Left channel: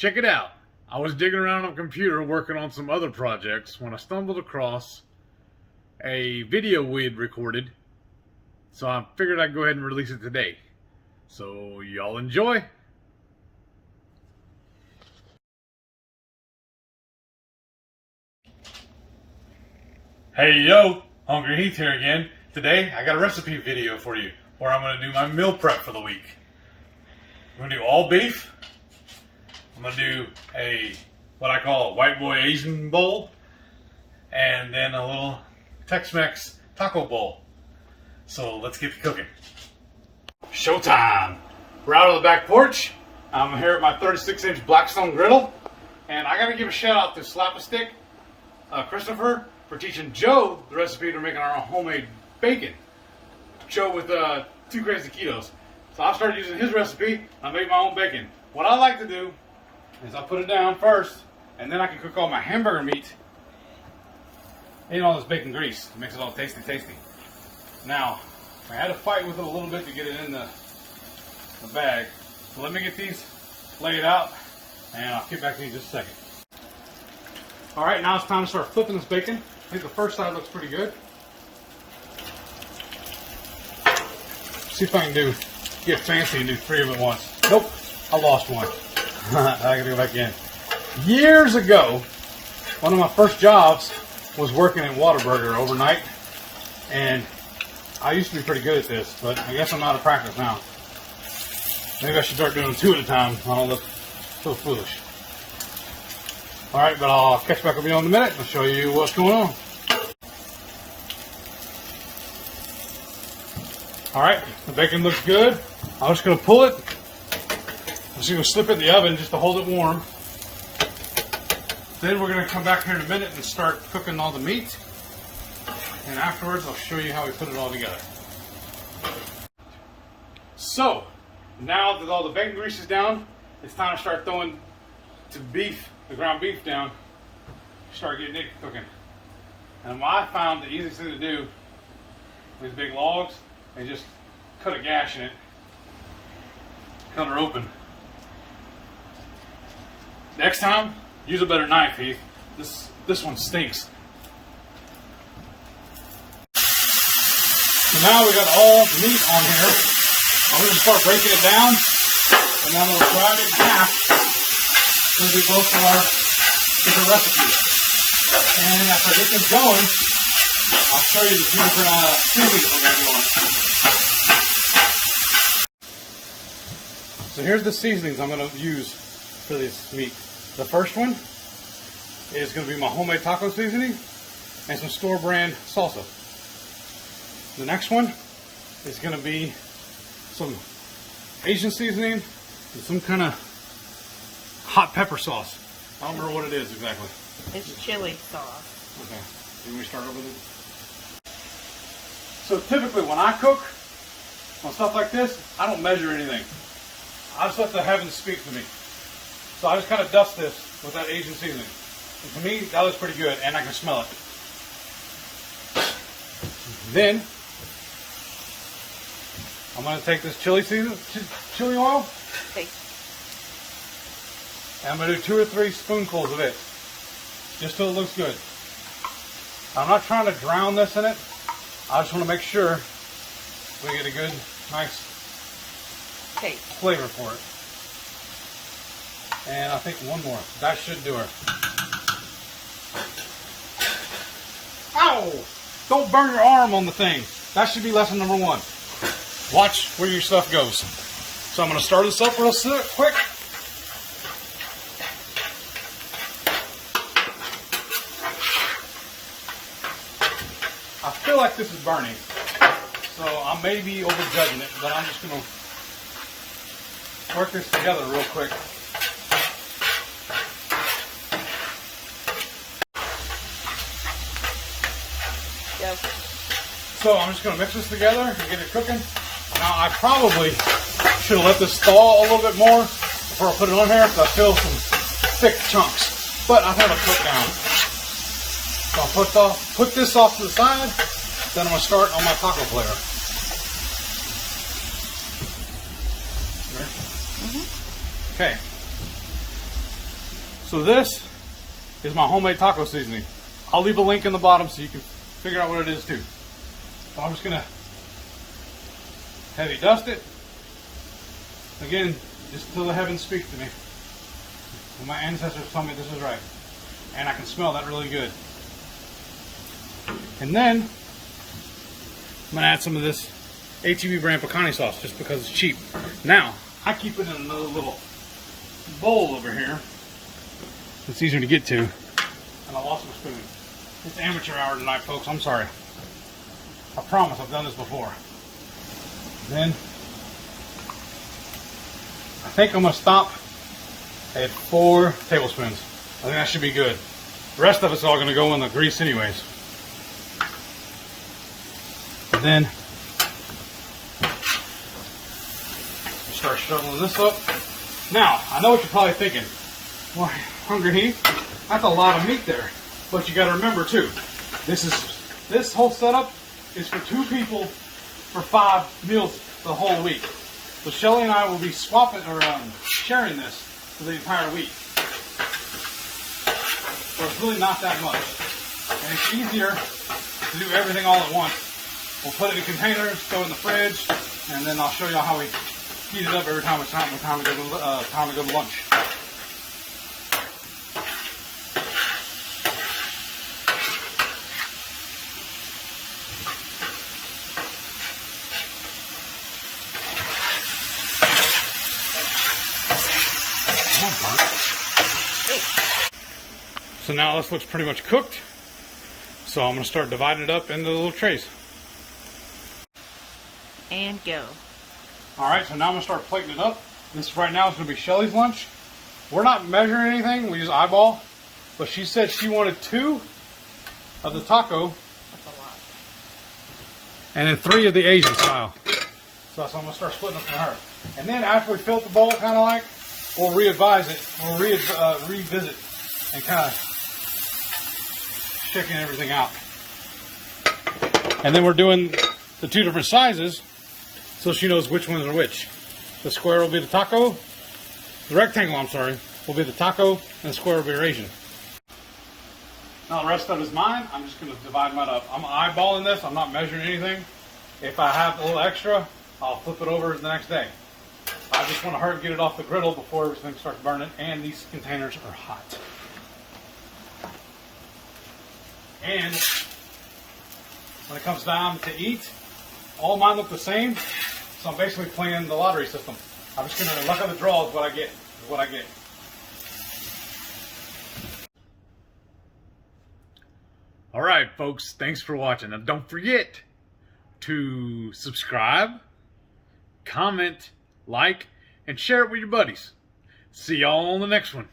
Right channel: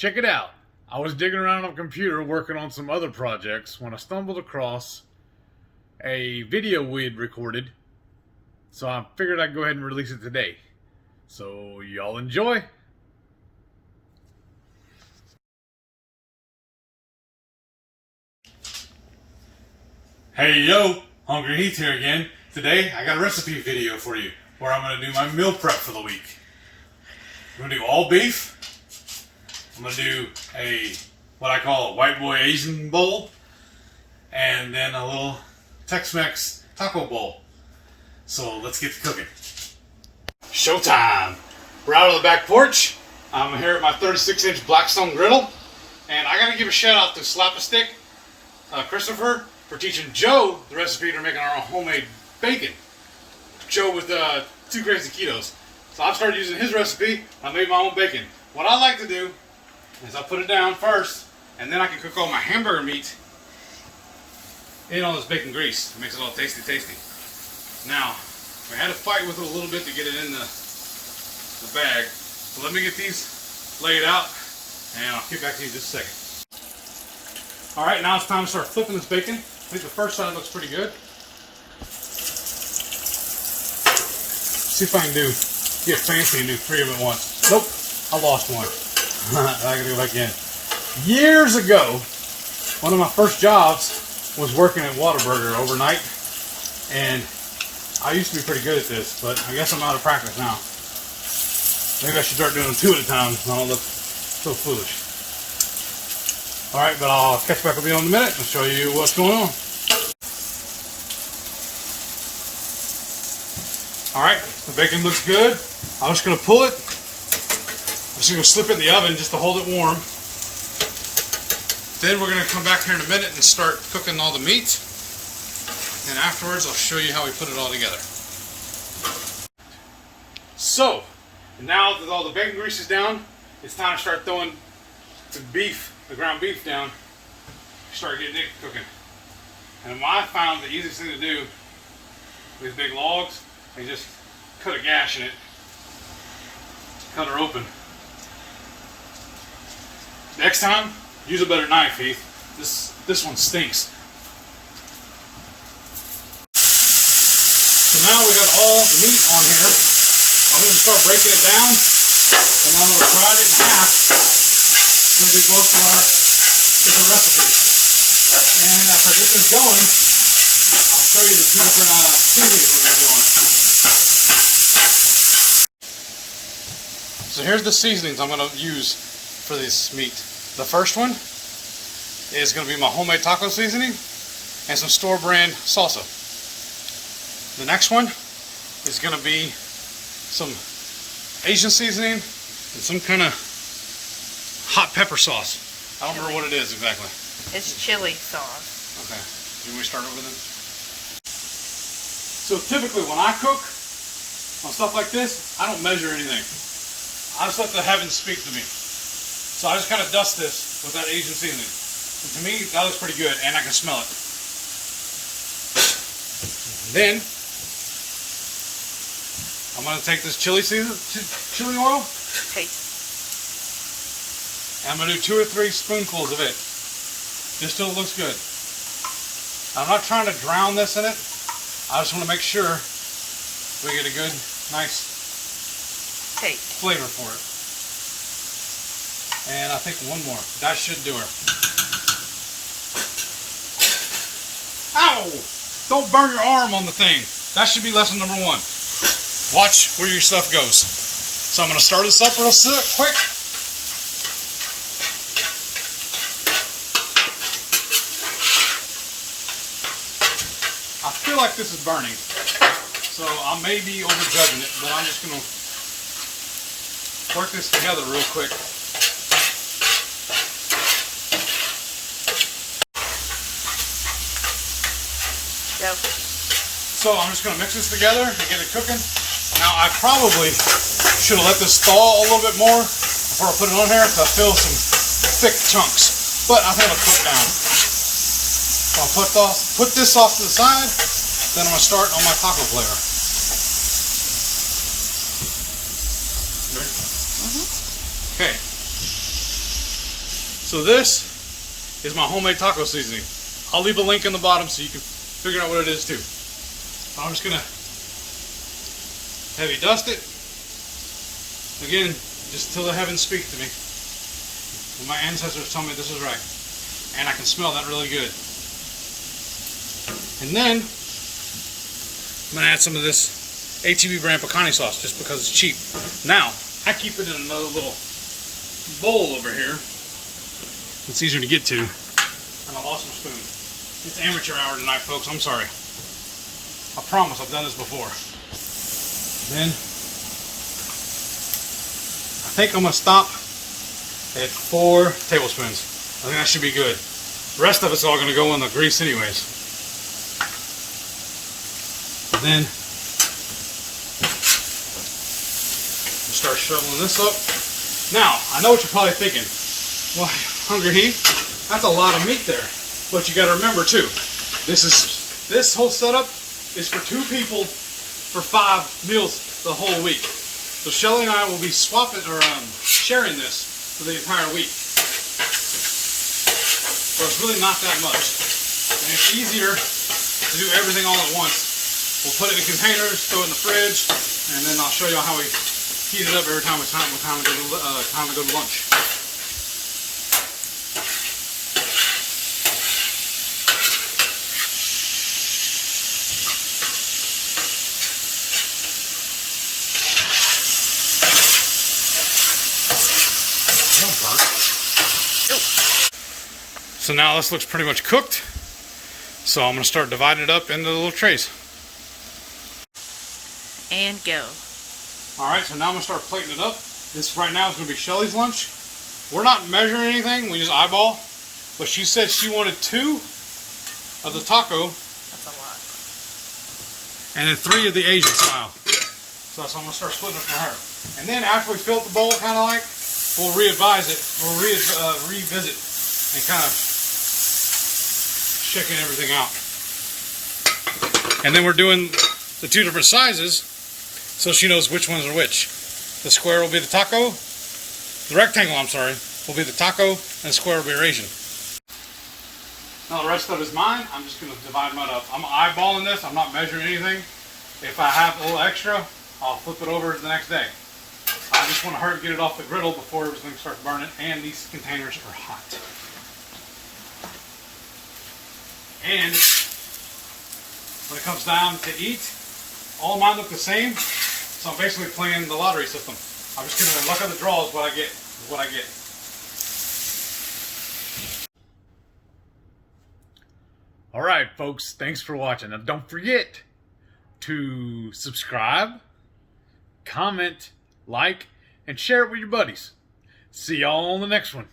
Check it out. I was digging around on a computer working on some other projects when I stumbled across a video we had recorded. So I figured I'd go ahead and release it today. So y'all enjoy. Hey yo, HungryHeath here again. Today I got a recipe video for you where I'm going to do my meal prep for the week. I'm going to do all beef. I'm going to do what I call a white boy Asian bowl, and then a little Tex-Mex taco bowl. So let's get to cooking. Showtime! We're out on the back porch. I'm here at my 36-inch Blackstone griddle, and I got to give a shout out to Slap-A-Stick, Christopher, for teaching Joe the recipe for making our own homemade bacon. Joe with 2 crazy ketos. So I've started using his recipe. I made my own bacon. What I like to do is I put it down first, and then I can cook all my hamburger meat in all this bacon grease. It makes it all tasty, tasty. Now, I had to fight with it a little bit to get it in the bag. So let me get these laid out, and I'll get back to you in just a second. Alright, now it's time to start flipping this bacon. I think the first side looks pretty good. See if I can get fancy and do 3 of them at once. Nope, I lost one. I gotta go back in. Years ago, one of my first jobs was working at Whataburger overnight, and I used to be pretty good at this, but I guess I'm out of practice now. Maybe I should start doing 2 at a time. I don't look so foolish. Alright, but I'll catch back with you in a minute and show you what's going on. Alright, the bacon looks good. I'm just going to pull it. I'm just going to slip it in the oven just to hold it warm. Then we're going to come back here in a minute and start cooking all the meat. And afterwards I'll show you how we put it all together. So, now that all the bacon grease is down, it's time to start throwing the ground beef down. Start getting it cooking. And I found the easiest thing to do with big logs is just cut a gash in it. Cut her open. Next time, use a better knife, Heath. This one stinks. So now we got all the meat on here. I'm going to start breaking it down, and I'm going to divide it in half. So we both our different recipes. And after I get this going, I'll show you the different seasonings we're going to do on it. So here's the seasonings I'm going to use for this meat. The first one is going to be my homemade taco seasoning and some store brand salsa. The next one is going to be some Asian seasoning and some kind of hot pepper sauce. I don't remember what it is exactly. It's chili sauce. Okay. Can we start over then? So typically when I cook on stuff like this, I don't measure anything. I just let the heavens speak to me. So I just kind of dust this with that Asian seasoning. And to me, that looks pretty good, and I can smell it. Then I'm going to take this chili oil. Okay. And I'm going to do 2 or 3 spoonfuls of it. Just till it looks good. I'm not trying to drown this in it. I just want to make sure we get a good, nice flavor for it. And I think one more. That should do her. Ow! Don't burn your arm on the thing. That should be lesson number 1. Watch where your stuff goes. So I'm going to start this up real quick. I feel like this is burning. So I may be overjudging it, but I'm just going to work this together real quick. Go. So I'm just going to mix this together and get it cooking. Now I probably should have let this thaw a little bit more before I put it on here because I feel some thick chunks. But I think I'll put it down. So I'll put this off to the side. Then I'm going to start on my taco flavor. Okay. So this is my homemade taco seasoning. I'll leave a link in the bottom so you can figure out what it is too. So I'm just gonna heavy dust it. Again, just till the heavens speak to me. And my ancestors tell me this is right. And I can smell that really good. And then I'm gonna add some of this HEB brand pecani sauce just because it's cheap. Now, I keep it in another little bowl over here. It's easier to get to. And I lost my spoon. It's amateur hour tonight, folks. I'm sorry. I promise I've done this before. Then I think I'm gonna stop at 4 tablespoons. I think that should be good. The rest of it's all gonna go in the grease anyways. And then start shoveling this up. Now, I know what you're probably thinking. Well, Hungry Heath, that's a lot of meat there. But you gotta remember too, this whole setup is for 2 people for 5 meals the whole week. So Shelly and I will be swapping or sharing this for the entire week. So it's really not that much. And it's easier to do everything all at once. We'll put it in containers, throw it in the fridge, and then I'll show you how we heat it up every time it's time to go to lunch. So now this looks pretty much cooked. So I'm going to start dividing it up into the little trays. And go. Alright, so now I'm going to start plating it up. This right now is going to be Shelly's lunch. We're not measuring anything, we just eyeball. But she said she wanted 2 of the taco. That's a lot. And then 3 of the Asian style. So that's what I'm going to start splitting it for her. And then after we fill up the bowl, kind of like, we'll re-advise it. We'll revisit and kind of shaking everything out. And then we're doing the 2 different sizes so she knows which ones are which. The square will be the taco, the rectangle, I'm sorry, will be the taco, and the square will be your Asian. Now the rest of it is mine. I'm just going to divide mine up. I'm eyeballing this. I'm not measuring anything. If I have a little extra, I'll flip it over the next day. I just want to hurry and get it off the griddle before everything starts burning, and these containers are hot. And when it comes down to eat, all of mine look the same, so I'm basically playing the lottery system. I'm just going to luck of the draw is what I get. Alright folks, thanks for watching. Now don't forget to subscribe, comment, like, and share it with your buddies. See y'all on the next one.